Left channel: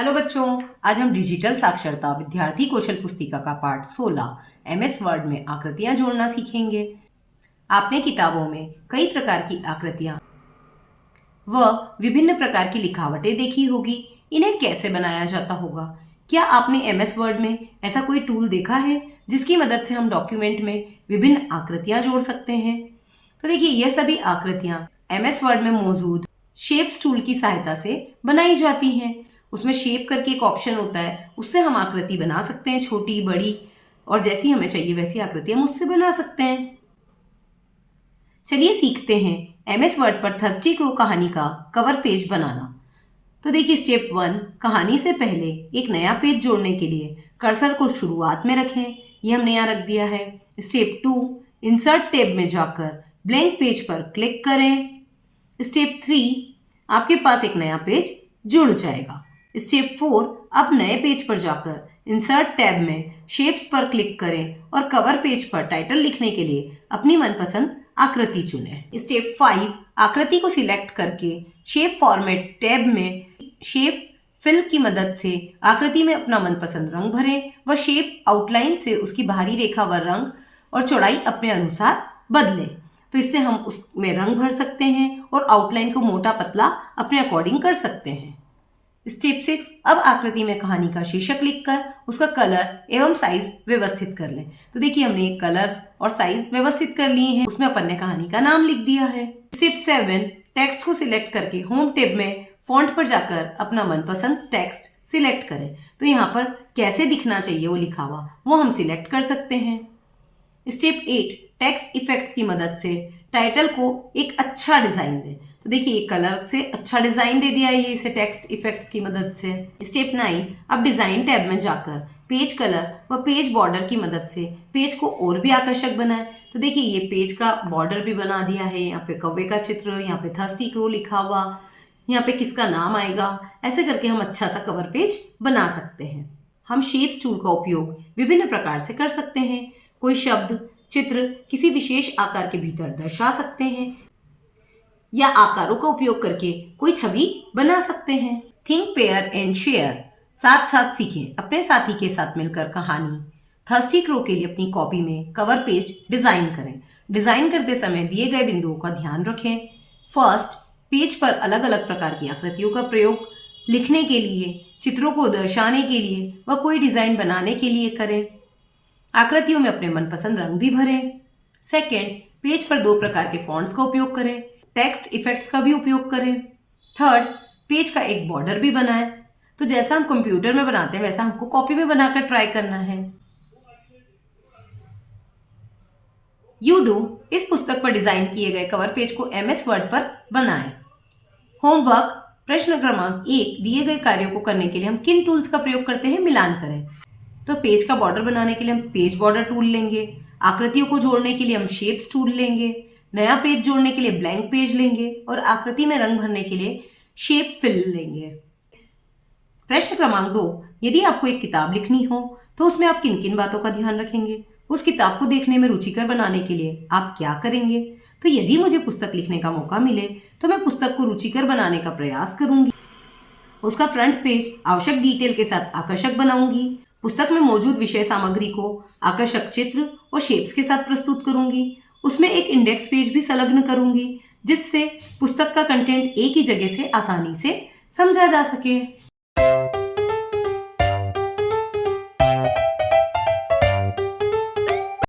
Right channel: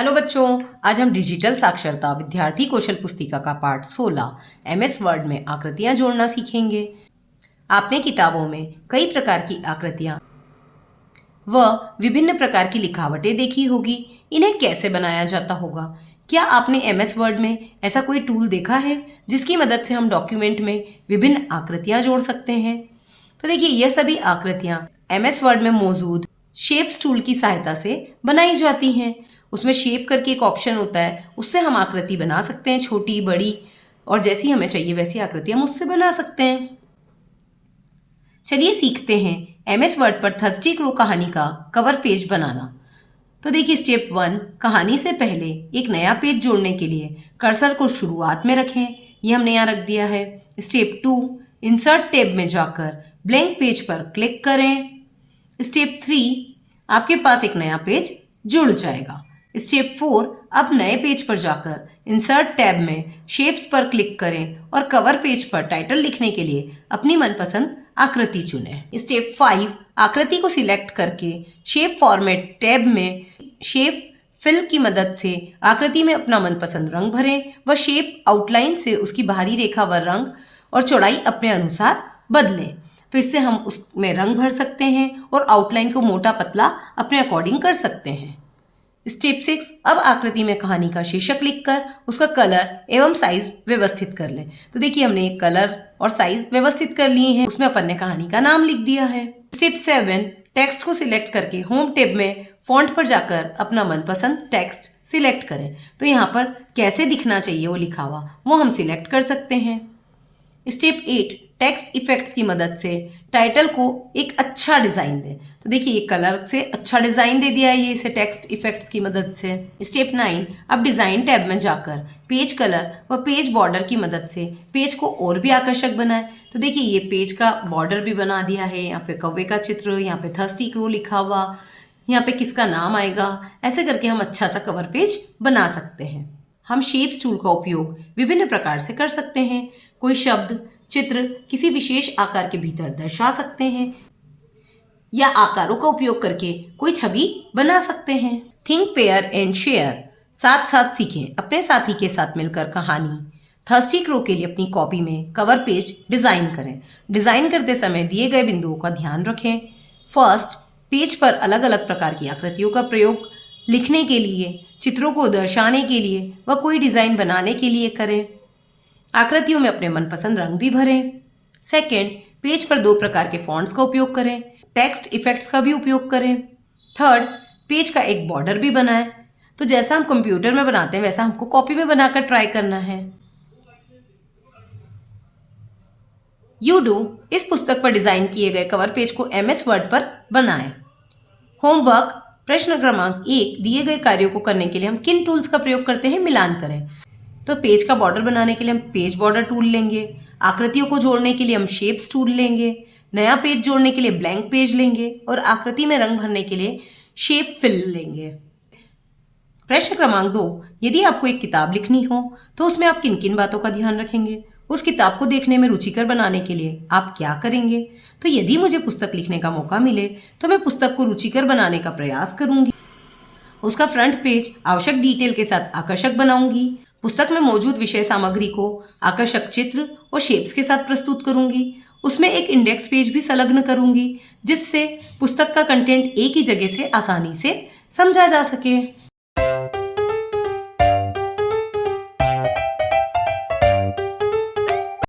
Hello बच्चों, आज हम डिजिटल साक्षरता विद्यार्थी कौशल पुस्तिका का पाठ 16 एमएस वर्ड में आकृतियां जोड़ना सीखेंगे। आपने किताबों में कई प्रकार की आकृतियां व विभिन्न प्रकार की लिखावटें देखी होगी। इन्हें कैसे बनाया जाता होगा? क्या आपने एमएस वर्ड में ऐसा कोई टूल देखा है जिसकी मदद से हम डॉक्यूमेंट में विभिन्न आकृतियां जोड़ सकते हैं? तो देखिए, यह सभी आकृतियां एमएस वर्ड में मौजूद शेप्स टूल की सहायता से बनाई जाती हैं। उसमें शेप करके एक ऑप्शन होता है, उससे हम आकृति बना सकते हैं, छोटी बड़ी, और जैसी हमें चाहिए वैसी आकृति हम उससे बना सकते हैं। चलिए सीखते हैं एमएस वर्ड पर थर्स्टी क्रो कहानी का कवर पेज बनाना। तो देखिए, स्टेप 1, कहानी से पहले एक नया पेज जोड़ने के लिए कर्सर को शुरुआत में रखें। ये हमने यहाँ रख दिया है। स्टेप 2, इंसर्ट टैब में जाकर ब्लैंक पेज पर क्लिक करें। स्टेप 3, आपके पास एक नया पेज जुड़ जाएगा। स्टेप 4, अब नए पेज पर जाकर इंसर्ट टैब में शेप्स पर क्लिक करें और कवर पेज पर टाइटल लिखने के लिए अपनी मनपसंद आकृति चुनें। स्टेप 5, आकृति को सिलेक्ट करके शेप फॉर्मेट टैब में शेप फिल की मदद से आकृति में अपना मनपसंद रंग भरें व शेप आउटलाइन से उसकी बाहरी रेखा व रंग और चौड़ाई अपने अनुसार बदलें। तो इससे हम उसमें रंग भर सकते हैं और आउटलाइन को मोटा पतला अपने अकॉर्डिंग कर सकते हैं। स्टेप 6, अब आकृति में कहानी का शीर्षक लिखकर उसका कलर एवं साइज व्यवस्थित कर लें। तो देखिए, हमने एक कलर और साइज व्यवस्थित कर लिए हैं, उसमें अपन ने कहानी का नाम लिख दिया है। स्टेप 7, टेक्स्ट को सिलेक्ट करके होम टैब में फॉन्ट पर जाकर अपना मनपसंद टेक्स्ट सिलेक्ट करें। तो यहाँ पर कैसे दिखना चाहिए वो लिखा हुआ वो हम सिलेक्ट कर सकते हैं। स्टेप 8, टेक्स्ट इफेक्ट्स की मदद से टाइटल को एक अच्छा डिज़ाइन दें। तो देखिए, एक कलर से अच्छा डिज़ाइन दे दिया है ये इसे टेक्स्ट इफेक्ट्स की मदद से। स्टेप 9, अब डिज़ाइन टैब में जाकर पेज कलर व पेज बॉर्डर की मदद से पेज को और भी आकर्षक बनाएं। तो देखिए, ये पेज का बॉर्डर भी बना दिया है। यहाँ पे कौवे का चित्र, यहाँ पे थर्स्टी क्रो लिखा हुआ, यहाँ पे किसका नाम आएगा, ऐसे करके हम अच्छा सा कवर पेज बना सकते हैं। हम शेप्स टूल का उपयोग विभिन्न प्रकार से कर सकते हैं। कोई शब्द, चित्र किसी विशेष आकार के भीतर दर्शा सकते हैं या आकारों का उपयोग करके कोई छवि बना सकते हैं। थिंक, पेयर एंड शेयर, साथ साथ सीखें। अपने साथी के साथ मिलकर कहानी थर्स्टी क्रो के लिए अपनी कॉपी में कवर पेज डिज़ाइन करें। डिज़ाइन करते समय दिए गए बिंदुओं का ध्यान रखें। फर्स्ट, पेज पर अलग अलग प्रकार की आकृतियों का प्रयोग लिखने के लिए, चित्रों को दर्शाने के लिए व कोई डिज़ाइन बनाने के लिए करें। आकृतियों में अपने मनपसंद रंग भी भरें। सेकेंड, पेज पर 2 प्रकार के फॉन्ट्स का उपयोग करें। टेक्स्ट इफेक्ट्स का भी उपयोग करें। थर्ड, पेज का एक बॉर्डर भी बनाएं। तो जैसा हम कंप्यूटर में बनाते हैं वैसा हमको कॉपी में बनाकर ट्राई करना है। यूडू इस पुस्तक पर डिजाइन किए गए कवर पेज को एमएस वर्ड पर बनाएं। होमवर्क, प्रश्न क्रमांक 1, दिए गए कार्यों को करने के लिए हम किन टूल्स का प्रयोग करते हैं, मिलान करें। तो पेज का बॉर्डर बनाने के लिए हम पेज बॉर्डर टूल लेंगे। आकृतियों को जोड़ने के लिए हम शेप्स टूल लेंगे। नया पेज जोड़ने के लिए ब्लैंक पेज लेंगे और आकृति में रंग भरने के लिए शेप फिल लेंगे। प्रश्न क्रमांक 2, यदि आपको एक किताब लिखनी हो तो उसमें आप किन किन बातों का ध्यान रखेंगे? उस किताब को देखने में रुचिकर बनाने के लिए आप क्या करेंगे? तो यदि मुझे पुस्तक लिखने का मौका मिले तो मैं पुस्तक को रुचिकर बनाने का प्रयास करूंगी। उसका फ्रंट पेज आवश्यक डिटेल के साथ आकर्षक बनाऊंगी। पुस्तक में मौजूद विषय सामग्री को आकर्षक चित्र और शेप्स के साथ प्रस्तुत करूंगी। उसमें एक इंडेक्स पेज भी संलग्न करूंगी जिससे पुस्तक का कंटेंट एक ही जगह से आसानी से समझा जा सके।